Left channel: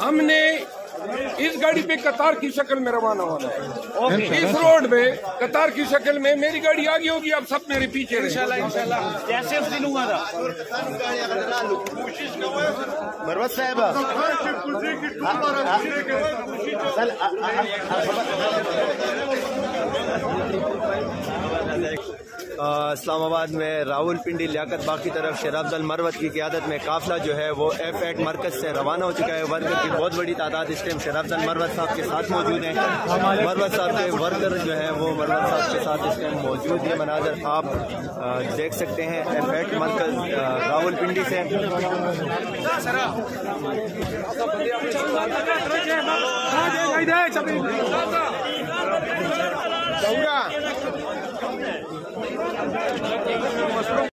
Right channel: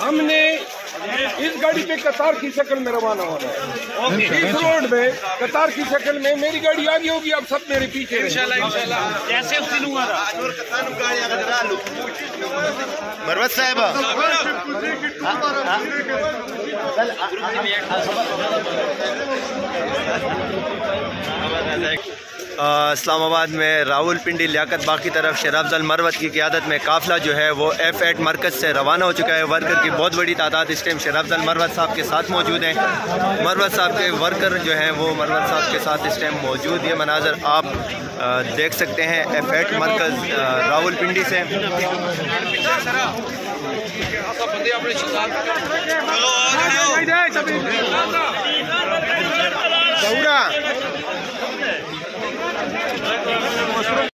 हमने इस गाड़ी पे कतार की शक्ल में रवाना होना है। इस रोड में कतार की शक्ल में मेरी गाड़ी आगे होगी, अब सब मेरे पीछे मरवत साहब इस्लामाबाद में रावलपिंडी लियाकत बाग की तरफ शेर अफजल मरवत की क़ियादत में काफ़िला जो है वो F8 मरकज़ से रवाना हो चुका है। वर्कर की बहुत बड़ी तादाद इस टाइम शेर अफजल मरवत साहब के साथ मौजूद हैं। मरवत साहब के वर्कर जो हैं वो मरवत साहब के साथ इस टाइम मौजूद। ये मनाजर आप देख सकते हैं F8 मरकज़ रावलपिंडी से।